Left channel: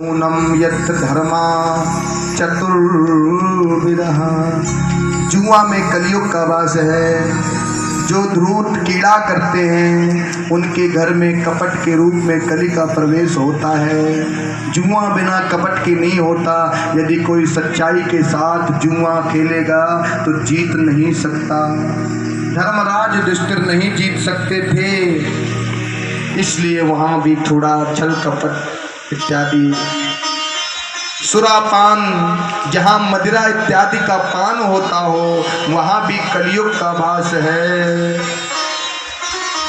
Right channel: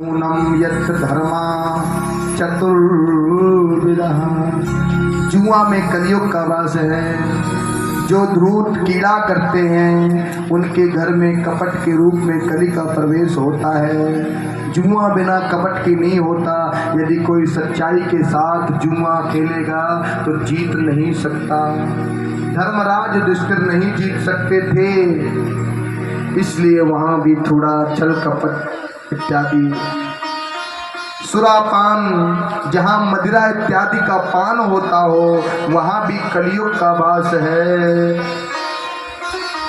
नूनम यत्र धर्मा चतुर्विदः। जुआ में कलयुग का वास है। जो द्रूत कीड़ा करते हैं उनके घर में कपट के रूप में कली का प्रवेश होता है। जुआ बिना कपट के नहीं होता। यदि कोई सच्चाई के साथ जुआ खेलेगा तो जीत नहीं सकता। धर्मराज युधिष्ठिर नहीं जीत सकते थे, इसलिए वहां भी थोड़ा छल कपट इत्यादि सुरापान, जहाँ मदिरा इत्यादि का पान होता हो वहाँ भी कलयुग का वास है।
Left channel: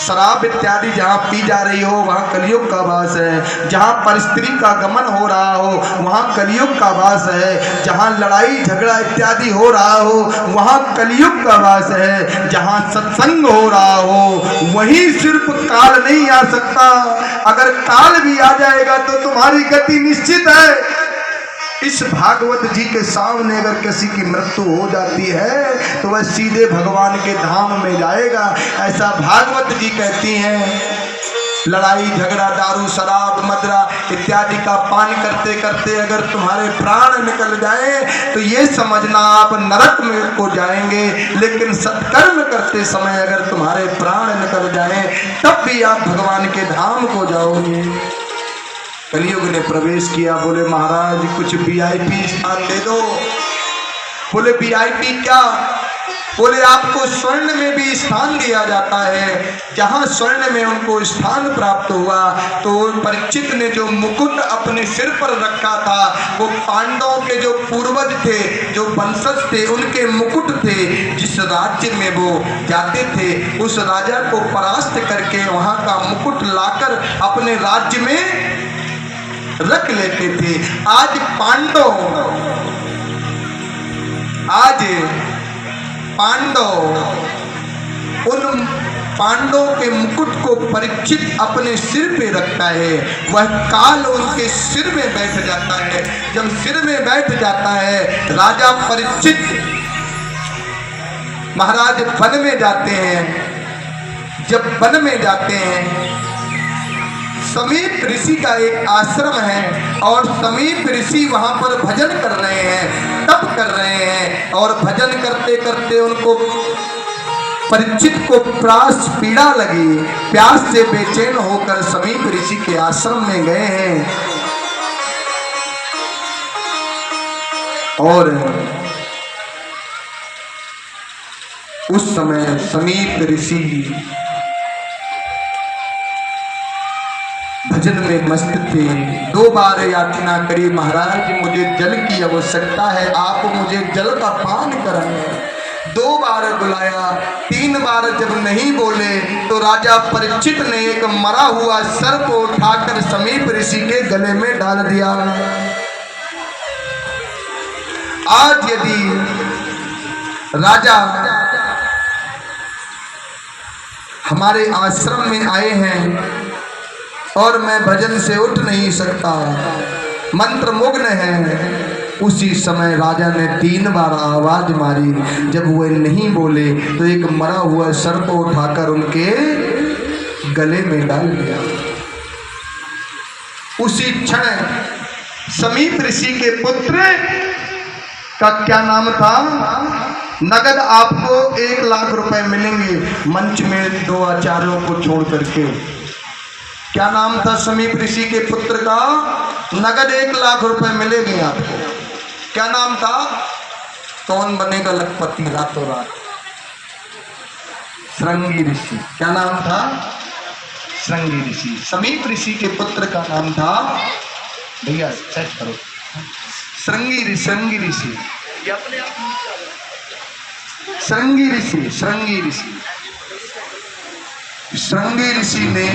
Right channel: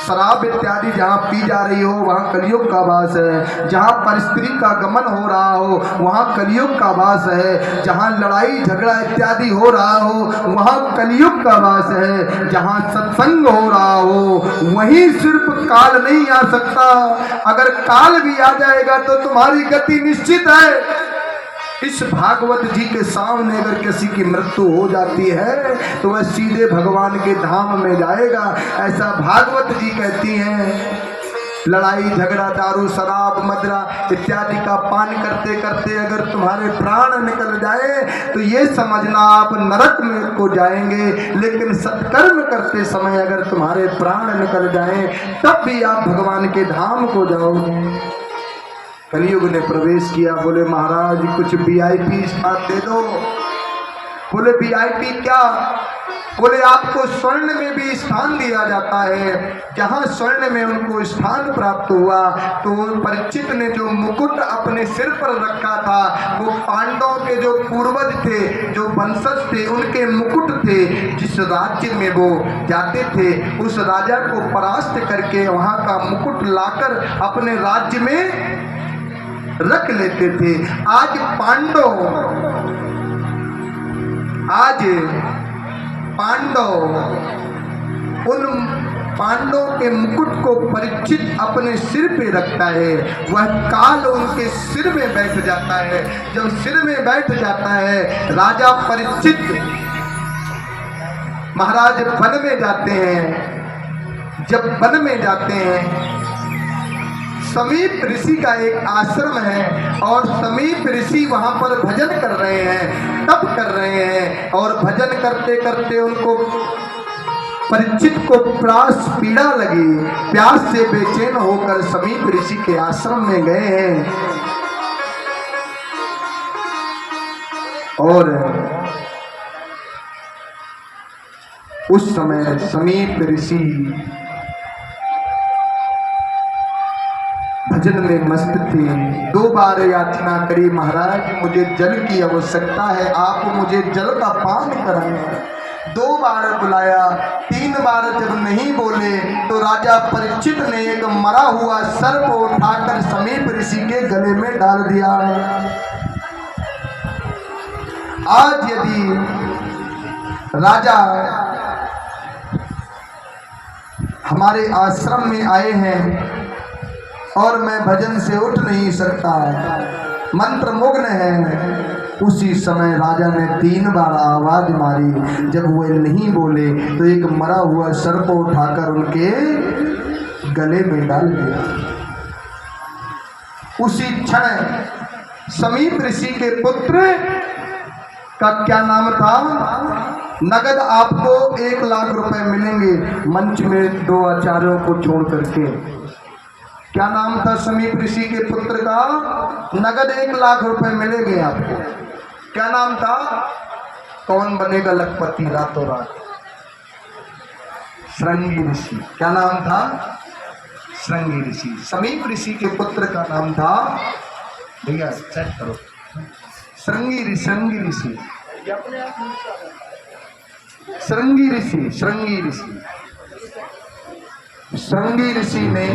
शराब इत्यादि जहाँ पी जा रही हो वहाँ कलयुग का वास है। जहाँ परस्त्री का गमन हो रहा हो वहाँ कलयुग का वास है। जहाँ लड़ाई झगड़ा इत्यादि हो रहा हो वहाँ कलयुग का वास है। जहाँ सत्संग हो रहा हो वहीं सिर्फ काल नहीं आ सकता। अगर काल भी आ जाएगा तो तुम्हारी गति निश्चित है। इस भागवत जी के सामने अगर किसी की मृत्यु हो जाती है तो वह सीधे भगवान के धाम में जाएगा, ऐसा भागवत जी कहती हैं। लड़ाई झगड़ा दारू शराब मदिरा इत्यादि का पान करते करते अगर तुम्हारे प्राण निकल जाए तो ये समझना आप नरक में को जाएंगे, लेकिन सत्कर्म करते समय अगर तुम्हारे प्राण निकल जाए तब भी आप भगवान के धाम को जाओगे। कलयुग ने प्रवेश किया। बोले महाराज कुछ वीआईपी स्थान दे दो। बोले वीआईपी क्या? बोले आपको स्वर्ण में भी स्थान दिया जाता है। जहाँ स्वर्ण में उनको स्थान प्राप्त हुआ तो परीक्षित ने जो मुकुट अपने सिर पर रखा था वो पांडवों के जो पूर्वज थे, जो वंशज थे, उनके मुकुट थे। जिस राज्य में वो जाते थे उस राजा को परास्त करके वहाँ का मुकुट लाकर अपने राज्य में रख लेते थे। आज पांडव उन पांडवों के मुकुट को परीक्षित अपने सिर पे रखता है। वह काल उनके सिर में बैठ जाता है। जब सिर में बैठ जाता है राजा परीक्षित महाराज वन में जाते हैं। जब वन में जाते हैं समीप ऋषि का एक आश्रम है और समीप ऋषि वहां पर भजन कर रहे हैं, तप कर रहे हैं। और भजन करते करते उनको परीक्षित को प्यास पीड़ा लगी। प्यास से बेचैन होकर समीप ऋषि के आश्रम में गए हैं और उस समय समीप ऋषि भजन में मस्त थे। 2 बार याचना करी, महाराज मुझे जल की आवश्यकता है, आप मुझे जल का पान कराएं। 2 बार बुलाया, 3 बार जब नहीं बोले तो राजा परीक्षित ने एक मरा हुआ सर्प को उठाकर समीप ऋषि के गले में डाल दिया। आज यदि राजा हमारे आश्रम में आए हैं और मैं भजन से उठ नहीं सकता, मंत्र मुग्न है, उसी समय राजा ने 3 बार आवाज मारी। जब वह नहीं बोले तो एक मरा हुआ सर्प को उठाकर उनके गले में डाल दिया। उसी क्षण समीप ऋषि के पुत्र का क्या नाम था? नगद आपको 1 लाख रुपए मिलेंगे, मंच में 2 आचार्यों को छोड़ करके। क्या नाम था समीप ऋषि के पुत्र का? नगद 1 लाख रुपए मिलेंगे आपको। क्या नाम था? कौन बनेगा लखपति रातों रात? श्रृंगी ऋषि। क्या नाम था? श्रृंगी ऋषि। समीप ऋषि के पुत्र का नाम था, भैया चेक करो, श्रृंगी ऋषि। श्रृंगी ऋषि श्रृंगी ऋषि ने